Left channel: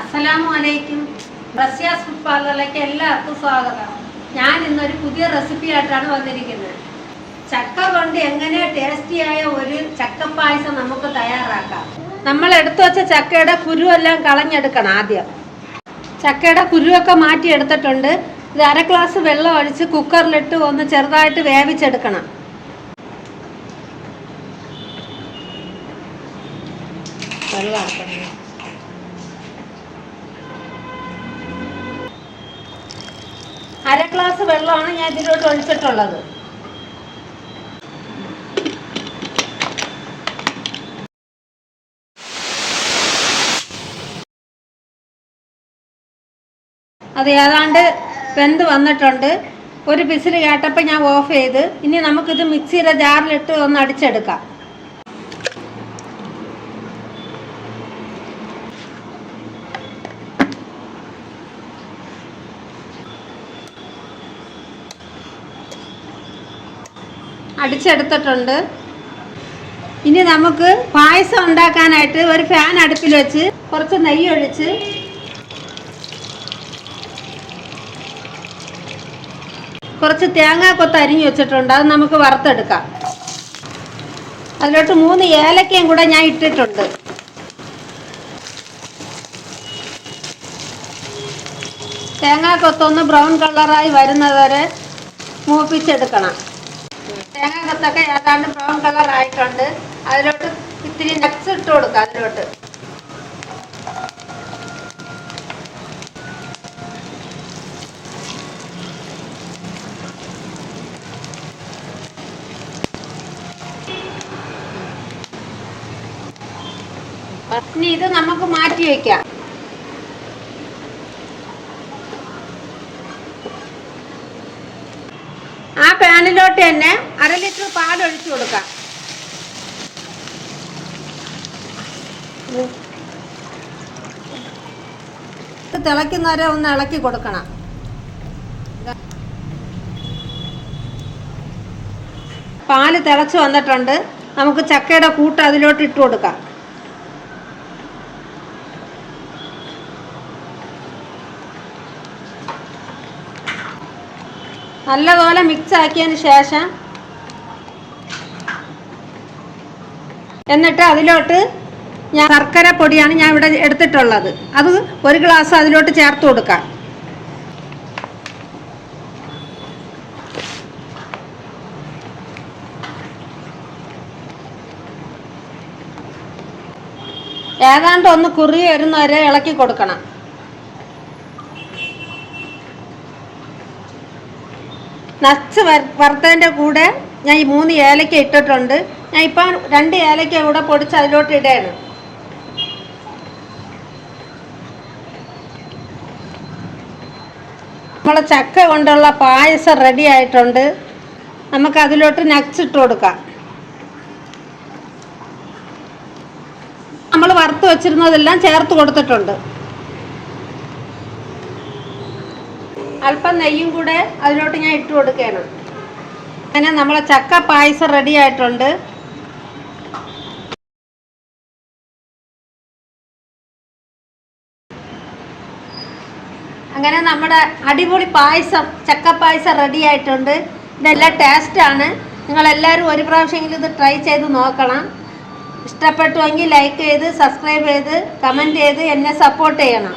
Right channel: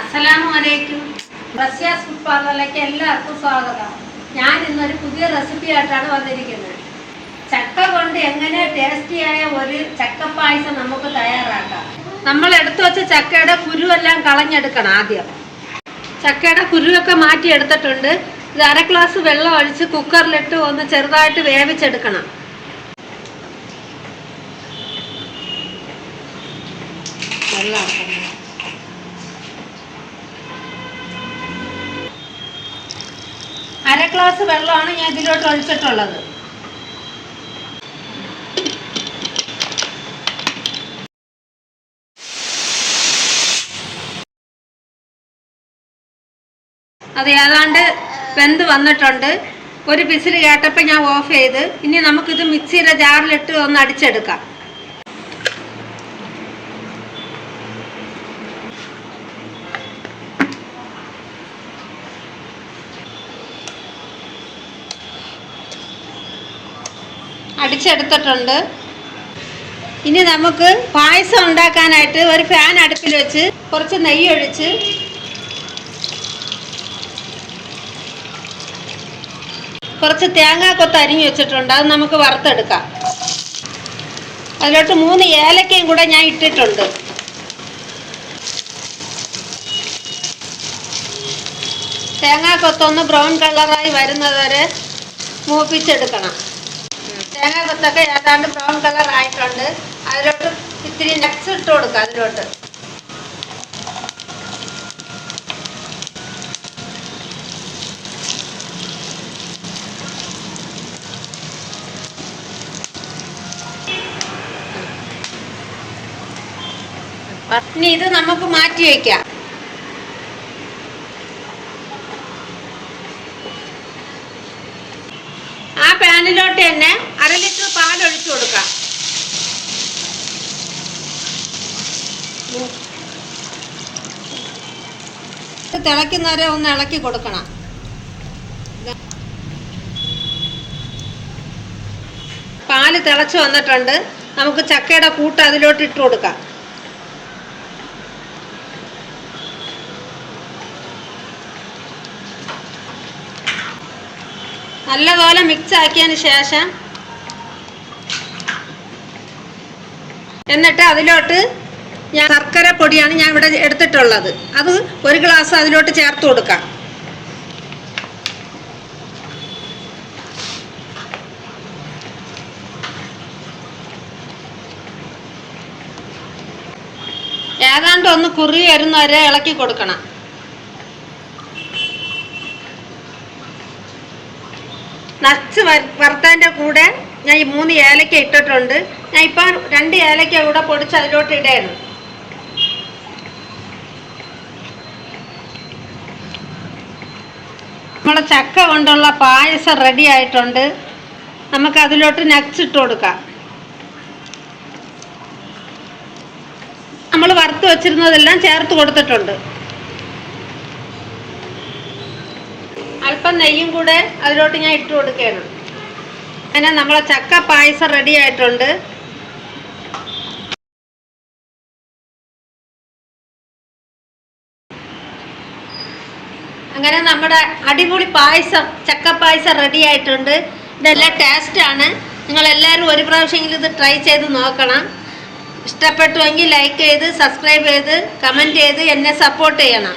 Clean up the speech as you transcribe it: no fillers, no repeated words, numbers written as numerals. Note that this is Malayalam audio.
അസ്സലാമു അലൈക്കും. റസിയാസ് ഫുഡ് പാർലറിലേക്ക് എല്ലാവർക്കും സ്വാഗതം. ഞാൻ ഇന്നൊരു പുതിയ റെസിപ്പി ആയിട്ടാണ് വന്നിരിക്കുന്നത്. ചക്ക കൊണ്ട് എങ്ങനെ ടേസ്റ്റിയായ ഒരു ചക്കപ്പായസം നമുക്ക് തയ്യാറാക്കാം. നമ്മൾ എടുത്തു വെച്ച ചക്കയുടെ കുരുവെല്ലാം കളഞ്ഞെടുക്കണം. ആദ്യം ചക്കയുടെ കുരുവൊക്കെ മാറ്റിയെടുത്തിട്ടുണ്ട്. ഇത് 1/2 ഗ്ലാസ് വെള്ളം ഒഴിച്ച് കുക്കറിലിട്ട് ഒന്ന് ചെറുതായിട്ട് വേവിച്ചെടുക്കണം. വെള്ളം 1/2 ഗ്ലാസ് വെള്ളമാണ് ഞാൻ ഇതിലോട്ട് ഒഴിച്ചിട്ടുള്ളത്. അത് ഏതാണ്ട് വെന്ത് വന്നിട്ടുണ്ട്. ഒരു വിസിൽ കേട്ടപ്പോൾ ഞാൻ ഓഫ് ചെയ്ത്. ഇനി നമുക്കിത് മിക്സിയുടെ ജാറിലിട്ട് ഒന്ന് അടിച്ചെടുക്കാം. അടിച്ചെടുത്തിട്ടുണ്ട്. ഇനി നമുക്ക് പായസം ഉണ്ടാക്കാനായിട്ട് ഒരു ഫാൻ അടുപ്പിൽ വെച്ച് കുറച്ച് നെയ്യ് ഒഴിച്ച് കുറച്ച് തേങ്ങാക്കൊത്ത് അരിഞ്ഞു വെച്ചിട്ടുണ്ട്. അത് നമുക്ക് വറുത്തെടുക്കാം. അതിലോട്ട് 3 ഏലക്കയും കൂടെ ഞാൻ ഇട്ടിട്ടുണ്ട്. തേങ്ങാക്കൊത്തൊന്ന് ബ്രൗൺ കളറായി വരുന്നത് വരെ മൂപ്പിച്ചെടുക്കണം. തേങ്ങാക്കൊത്തൊക്കെ ഏതാണ്ട് ബ്രൗൺ കളർ ആയിട്ടുണ്ട്. അതിലോട്ട് ഇത്തിരി നട്ട്സ് ഇട്ട് കൊടുക്കുക. അതിലോട്ട് ഇനി ഇത് നമുക്ക് മാറ്റി വയ്ക്കാം. ആ പാനിലോട്ട് തന്നെ 1/2 ലിറ്റർ പാൽ ഒഴിച്ചു കൊടുക്കാം. തിളയ്ക്കുന്നവരെ ഒന്ന് ഇളക്കി കൊടുക്കണം. പാല് തിളച്ച് വന്നിട്ടുണ്ട്. നമുക്ക് ചക്കയുടെ കൂട്ട് അതിലോട്ട് ഇട്ട് കൊടുക്കാം. നല്ലപോലെ മിക്സ് ആക്കിയതിന് ശേഷം എന്നിട്ട് അതിലോട്ട് ഞാൻ ശർക്കര പൊടിയാണ് ഞാൻ ഇവിടെ എടുത്തിട്ടുള്ളത്. അത് 1 ഗ്ലാസ് അതിലോട്ട് ചേർത്ത് കൊടുക്കാം. ഏതാണ്ട് ഒന്ന് കുറി വരുന്നവരെ ഇളക്കി കൊടുക്കണം. നട്ട്സ് വറുത്തതിൻ്റെ കൂടെ ഞാൻ ഈ 3 ഏലക്ക ഇട്ടിട്ടുണ്ട്. ഞാൻ ഇപ്പോൾ 2 ഏലക്ക കൂടെ പൊടിച്ച് അതിലോട്ട് ഇടയാണ്. നമ്മളെ ചക്ക കൊണ്ടുള്ള പായസം റെഡി ആയിട്ടുണ്ട്. നമുക്ക് അതിലോട്ട് നട്ട്സ് ഇട്ട് കൊടുക്കാം. നമ്മൾ വറുത്ത് വെച്ചിരുന്നതെല്ലാം ചേർത്ത് കൊടുത്തിട്ടുണ്ട്. അല്പം നെയ്യും കൂടെ അതിലോട്ട് ഞാൻ ഇട്ട് കൊടുക്കുകയാണ്. അങ്ങനെ നമ്മളെ ചക്ക പായസം റെഡി ആയിട്ടുണ്ട്. അങ്ങനെ നമ്മുടെ അടിപൊളി പായസം ചക്ക പായസം റെഡി ആയിട്ടുണ്ട്. ഇതെല്ലാം ടേസ്റ്റാണ്. നിങ്ങളെല്ലാവരും ഒരു പ്രാവശ്യമെങ്കിലും ഇത് ട്രൈ ചെയ്ത് നോക്കണം. ഇഷ്ടപ്പെട്ടുവെങ്കിൽ ലൈക്ക് ചെയ്ത് സബ്സ്ക്രൈബ് ചെയ്ത് കമൻറ്റ് ചെയ്ത് എന്നെ സപ്പോർട്ട് ചെയ്യണം.